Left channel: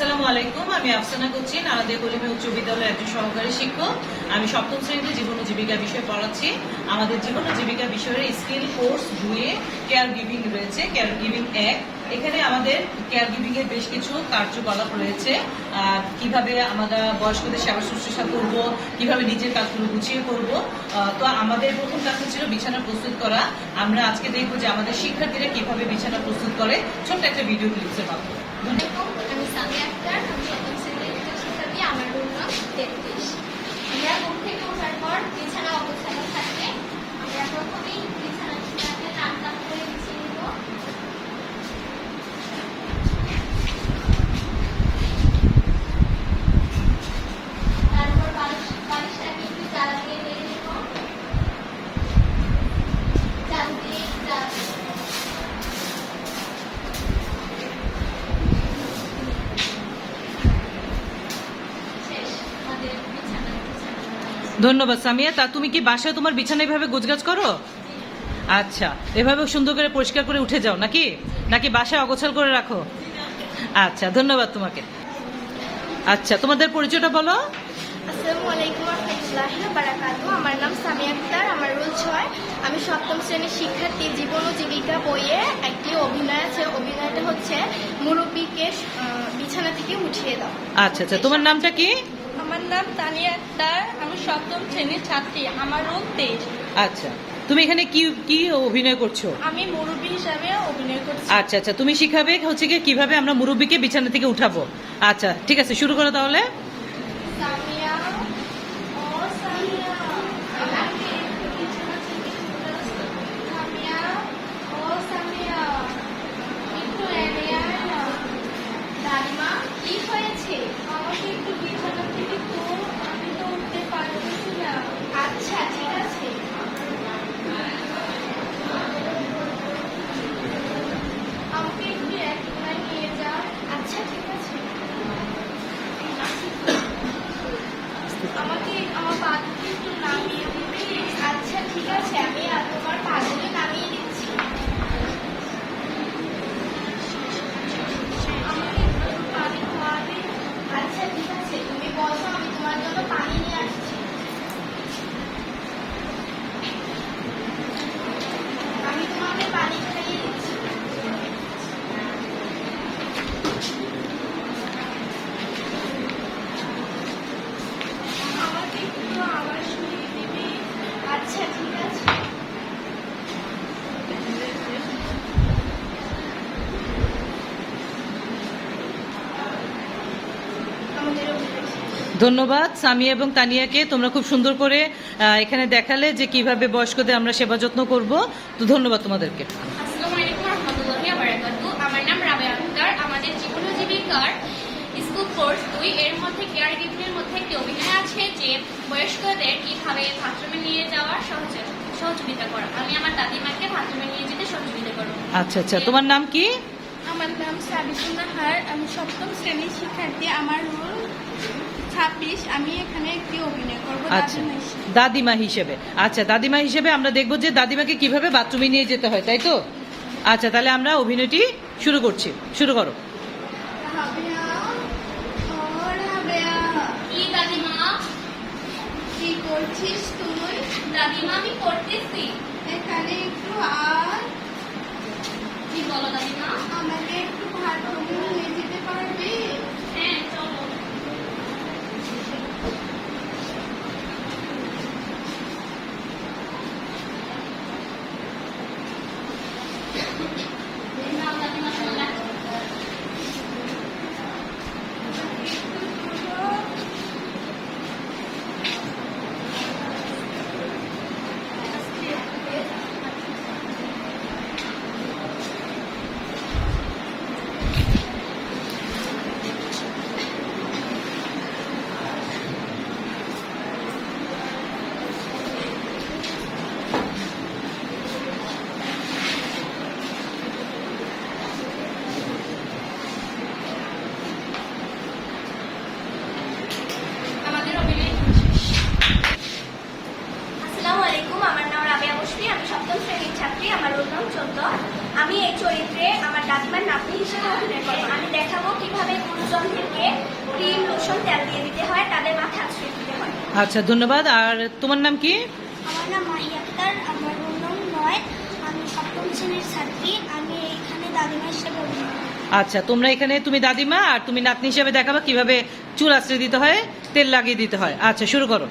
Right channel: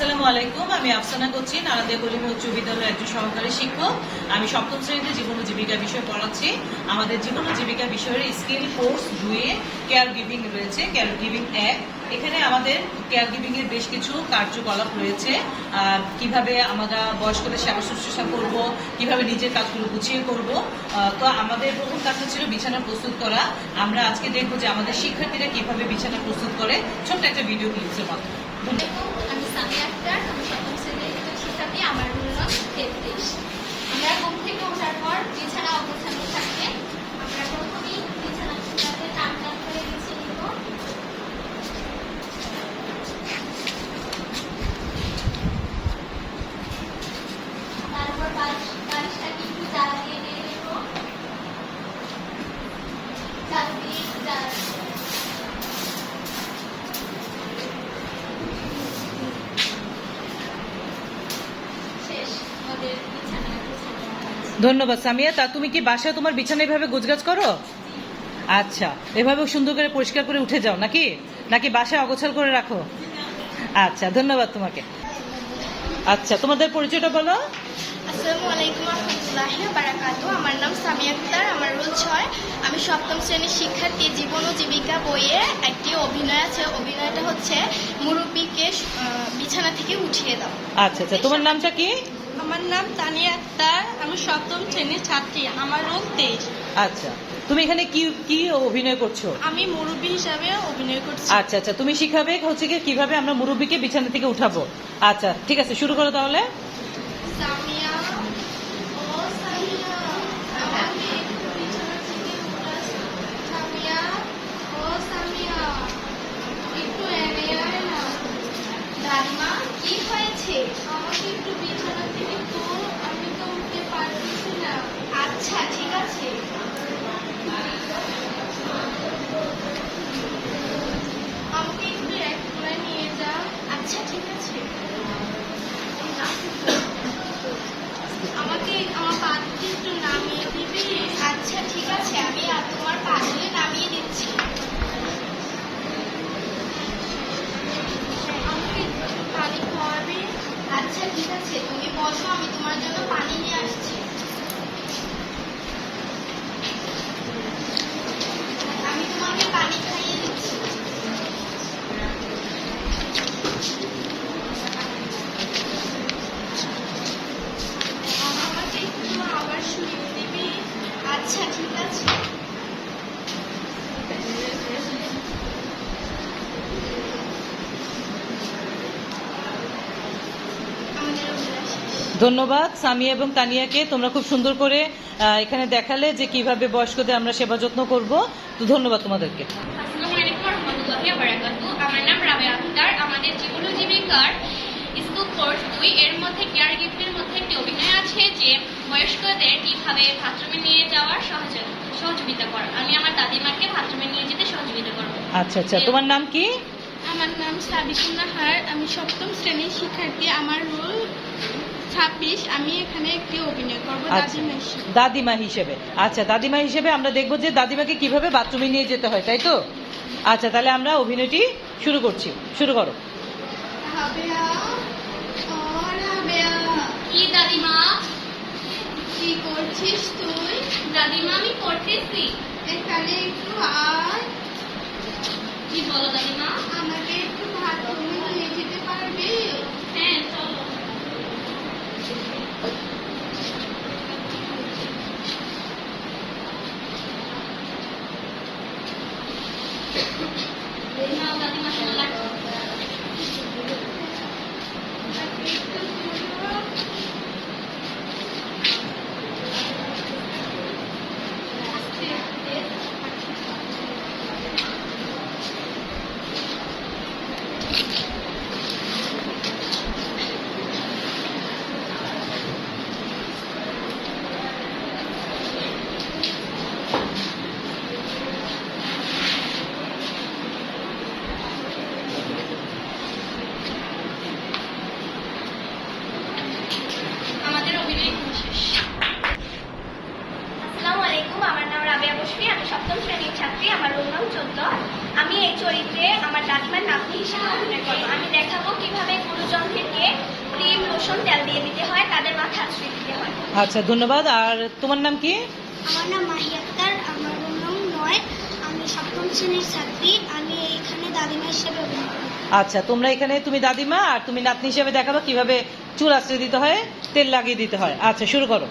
আসসালামু আলাইকুম। আমি আফসানা করছি নারাদে কলিমে উচ্চ বিদ্যালয়ের একজন সহকারী শিক্ষক। আমি সপ্তম শ্রেণীতে জীবন জীবিকা বিষয় পড়াচ্ছি। আমাদের জীবন জীবিকা বিষয়ের স্কিল কোর্স দুয়ে কেয়ার গিভিং রয়েছে কেয়ার গিভিং এক। এখানে আমাদের কেয়ার গিভিং এর বেশ কিছু কার্যকলাপ রয়েছে। কীভাবে আমরা বয়স্কদের সেবা শুশ্রূষা করব, কীভাবে নিজের কাজগুলো গুছিয়ে করব তো আমাদের প্রথম কাজটা ছিল বিছানা প্রস্তুত করা। আমরা আজকে দেখব যে আমাদের শিক্ষার্থীরা কীভাবে বিছানা প্রস্তুত করে। ছোট্ট একটা ভিডিও ক্লিপসে পাবো ধন্যবাদ। আমার আমরা ঘুম থেকে ওঠার পর বিছানা অবস্থানও থাকে আমরা প্রথমেই বিছানাটাকে টান টান করে বিছিয়ে নিব তারপর বালিশ বালিশটাকে একটু জ্বালা দিয়ে দিয়ে দেব ঝাড়ু দিয়ে একটু জ্বালা দিয়ে দেব। শেষ আমাদের বিছানা গোছানো ধন্যবাদ সামিয়া। তা তুমি কি বাসায় তোমার বিছানা এভাবে গোছগাছ করো? আচ্ছা এভাবে সুন্দর করে পরিষ্কার করে উঠে যাও নাকি? নাকি বাসায় অগোছাল করে রাখো? আচ্ছা ধন্যবাদ তোমাকে। আচ্ছা তোমাদের পরিচয়টা বলো। আসসালামু আলাইকুম রহমতুল্লাহ বারাকাতু। আমার নাম সামিয়া আক্তার আমার রোল ছয়। আমি সপ্তম শ্রেণির শিক্ষার্থী জীবন ও জীবিকা বইয়ে একটি অভিনয় আছে। অভিনয়টা হচ্ছে মুরব্বীকে বিছানা থেকে উঠিয়ে দাও। আচ্ছা আচ্ছা তোমার নামটা কি? আমার নাম তানিয়া আক্তার আমি সপ্তম শ্রেণির ছাত্রী আমার রোগ তেইশ আচ্ছা তুমি এখানে কি কি অভিনয় করছ? আমি মুরব্বী হিসাবে অভিনয় করছি। আচ্ছা আচ্ছা তুমি শিখাবে হচ্ছে কি কীভাবে আমরা মুরব্বীকে বিছানা থেকে উঠাবো। আচ্ছা ঠিক আছে শুরু করো তাহলে সামিয়া ও সামিয়া আমাকে একটু বিছানা থেকে উঠাস সামিয়া ও সামিয়া একটু এনে আয় না দাদিমা কি হয়েছে আমাকে একটু বিছানা থেকে তোল আমি তো উঠতে পারতেছি না আচ্ছা ঠিক আছে আমাকে একটু এক কোনায় নিয়ে যা আচ্ছা ঠিক আছে আমাকে আমার পা দুটো একটু নামিয়ে দিবি আচ্ছা ঠিক আছে আমি আর তোমার পা দুটো নামিয়ে দিচ্ছি আমাকে একটু পানি খাওয়াবি আচ্ছা ঠিক আছে তুমি বসো আমি তোমার জন্য পানি নিয়ে আসছি আমি তোমাকে পানি খাইয়ে দিচ্ছি আমাকে একটু আবার শুনিয়ে দিবি আচ্ছা ঠিক আছে আমাদের অভিনয় শেষ। ধন্যবাদ সামিয়া এবং তানিয়াকে। তোমরা খুব সুন্দর করে এখানে দেখালে যে কীভাবে বয়স্কদের আমরা সেবা যত্ন করব। তো ধন্যবাদ তোমাদেরকে। আসসালামু আলাইকুম রহমতুল্লাহি আমার নাম রাবেয়া আক্তার আমাদের জীবন জীবিকার স্কুল কোর্স দুই এর মধ্যে কেয়ার গিফটের মধ্যে একটি অভিনয় আছে যে বয়স্কদের কীভাবে বাথরুমে নিয়ে যাওয়ার সহযোগিতা সহযোগিতা করা। আমি আমার দাদিমাকে বাথরুমে নিয়ে যেতে সহযোগিতা করব। আচ্ছা আচ্ছা। তোমার নাম কি? আমার নাম সাবিকুল নাহার আমি সপ্তম শ্রেণির শিক্ষার্থী। আমার রোল ছাব্বিশ আমি এখানে একটি অভিনয় করব আচ্ছা। দাদিমা হিসেবে। দাদিমা হিসেবে। আচ্ছা দাদিমা হিসেবে আমরা দেখব যে দাদিমাকে কীভাবে বাথরুমে নিয়ে যেতে হয় তাই তো? আচ্ছা তাহলে আমরা অভিনয়টি শুরু করছি। শুরু করো। কি দাদিমা? কি করছিস তুই? দাদিমা আমি পড়তেছি। এখানে একটু আয়। কি বলো দাদিমা? আমাকে একটু বাথরুমে Thank you. হিসেবে অভিনয় করব আমি দেখাবো কীভাবে গুরুজনদেরকে ক্রিম লোশন তেল দিয়ে দিতে হয় তাদের মাথা আশ্রয় দিতে হয় আচ্ছা ধন্যবাদ। আর তোমার নাম কি? আমার নাম মাহি আক্তার আমার রোল নং নয়। আমি সপ্তম শ্রেণির ছাত্রী। আমি এখানে দাদিমা হিসেবে অভিনয় করি। আচ্ছা তোমরা এখানে তুমি দাদিমা আর তুমি নাতনি হিসেবে দেখাবা কীভাবে চুল আশ্রয় দিতে হয় তেল লাগিয়ে দিতে হয়। আচ্ছা শুরু করো।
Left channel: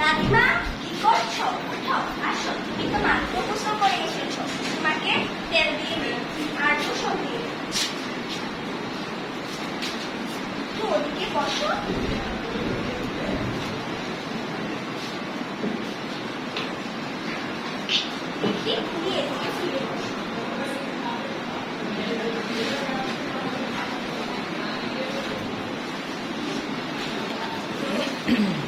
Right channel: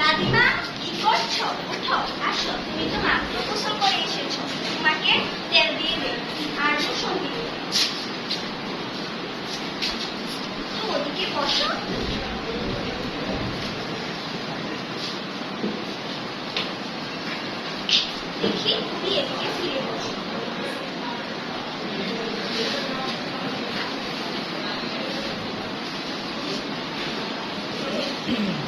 দাদিমা কি করছ? উঠো। Mm-hmm.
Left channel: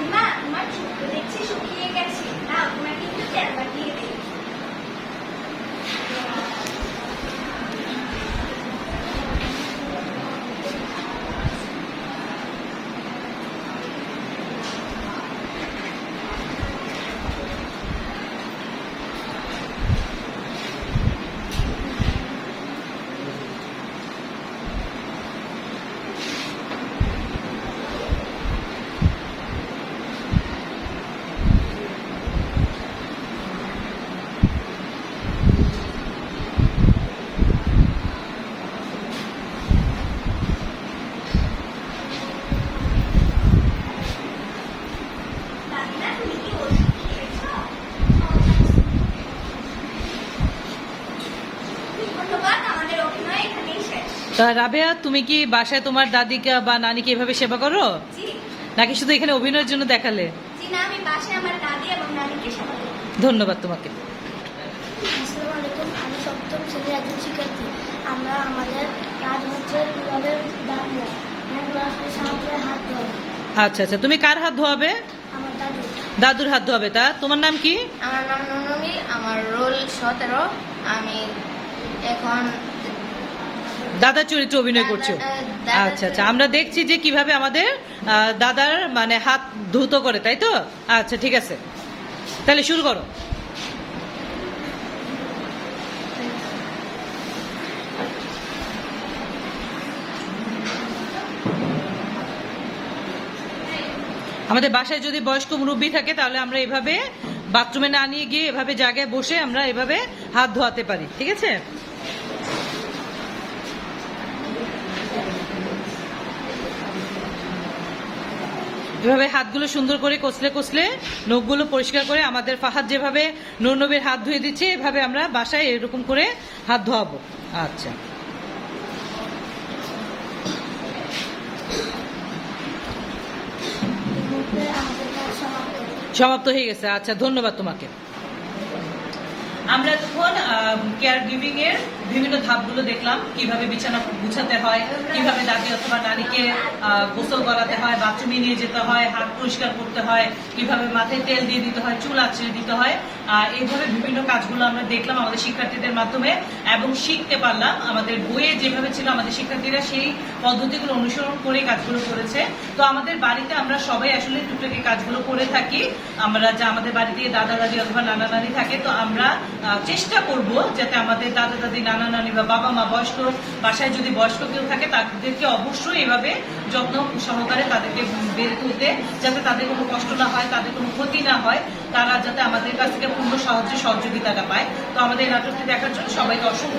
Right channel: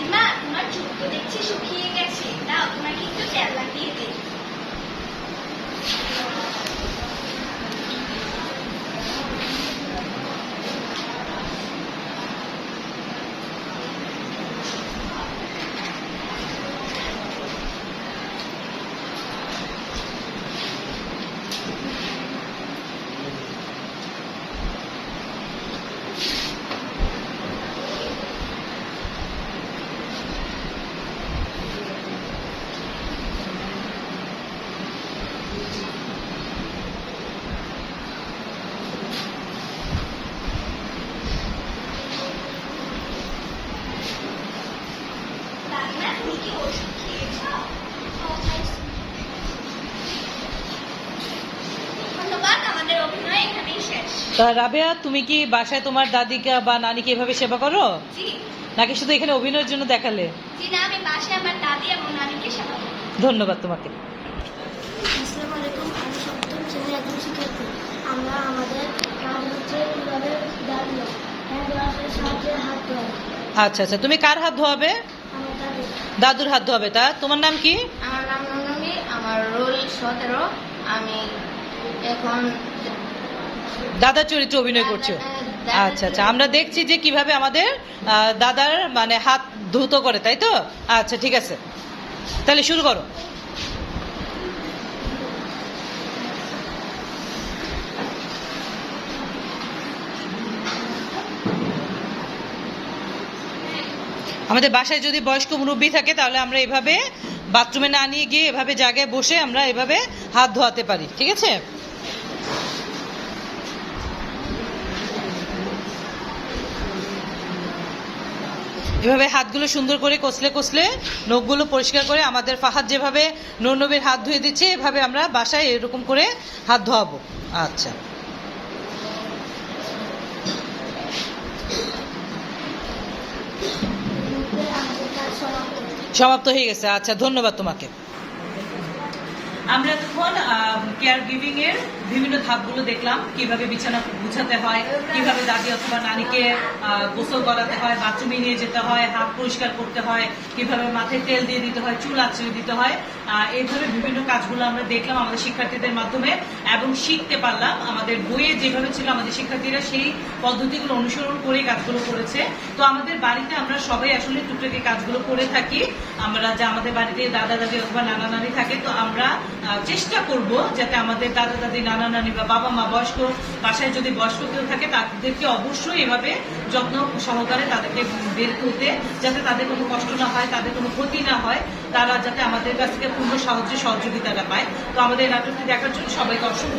দাদিমা তোমার চুল দেখছি শুকিয়ে গেছে। দাও তোমার কিন্তু তেল লাগিয়ে দে দাদিমা তুমি কি ওষুধ খেয়েছো ধন্যবাদ আমাদের অভিনয় এখানেই শেষ তা রাবেয়া তুমি কি বাসায় তোমার দাদিকে বা নানিকে এভাবে সেবা করো? নাকি শুধু এখানে অভিনয়ের জন্য দেখালে? জি না আমি বাসায় আমার দাদি এবং নানিকে সেবা করি। ধন্যবাদ তোমাকে। আসসালামু আলাইকুম আমি সপ্তম শ্রেণির একজন শিক্ষার্থী। আমরা আমাদের কাজ হচ্ছে কীভাবে দাঁড়িয়ে সাহায্যে হাত ধোয়া। আচ্ছা আচ্ছা তুমি কার হাত ধোয়াবে? দাদুর। হাত ধোয়াবে। তা তোমার নাম কি? আমার নাম ননমি আমার রোল সতেরো। আমি এখন দাদার চরিত্রে অভিনয় করছ। আচ্ছা আচ্ছা। আমরা দেখছি যে কীভাবে আমাদের দাদার মানে হাত ধুত করে তাই তো? আচ্ছা ঠিক আছে। তাহলে শুরু করো। আমাদের বাসায় যদি বয়স্ক মুরব্বী থাকে তাহলে আমরা এভাবে বাথরুমে না নিয়ে গিয়ে এভাবে জায়গায় বসে আমরা এভাবে হাত ধোয়াতে পারি ঠিক আছে? এভাবে হাতগুলো সুন্দর করে কষলে কষলে নখগুলো পরিষ্কার করে আমাদের ফাহাদ যেভাবে নবীর হাত ধুয়ে দিচ্ছে, এভাবে আমরা বাসায় এরকম করে হাত ধোয়াবো। আচ্ছা। সমাপ্ত হয়ে গেছে। আচ্ছা ধন্যবাদ তোমাকে। আমরা যখন কেয়ার গিভিং এর বিভিন্ন ধাপগুলো দেখলাম কীভাবে বিছানা গুছাতে হয় কীভাবে দাদি অথবা আহ, গোসল করাতে হয় বাথরুমে নিয়ে যেতে হয় হাত পরিষ্কার করতে হয় কীভাবে মাথায় তেল দিয়ে দিতে হয় চুল আছড়ে দিতে হয় এইভাবে বিভিন্ন কাজগুলো আমরা দেখলাম আমাদের শিক্ষার্থীদের মাধ্যমে এবং শিখতে পারলাম। আমাদের বইয়ে যেভাবে ছিল আমাদের শিক্ষার্থীরা সেই পদ্ধতিগুলো অনুসরণ করে কাজগুলো করেছে। তো আমাদের বাড়িতে আমরা সবাই আসলে টুকটাকি কাজগুলো করে থাকি। আমরা যা আমাদের বাড়িতে দাদা দাদি অথবা নানা নানি থাকে তো আমরা চেষ্টা করব যাতে আমাদের দাদা দাদি নানা নানি বা বাবা মা বয়স্ক, বাসায় যদি বয়স্ক কেউ থাকে, তাদেরকে অবশ্যই এভাবে যত্ন সহকারে তাদেরকে বের করতে, যাতে তাদের কোনো কষ্ট না হয়, তাদের কোনো ক্ষতি না হয়, তারা যাতে আমাদের কাছ থেকে পূর্ণ সাহায্য, সহযোগিতাটা পায়। তো আমাদের নাটকটি দেখার জন্য সবাইকে অসংখ্য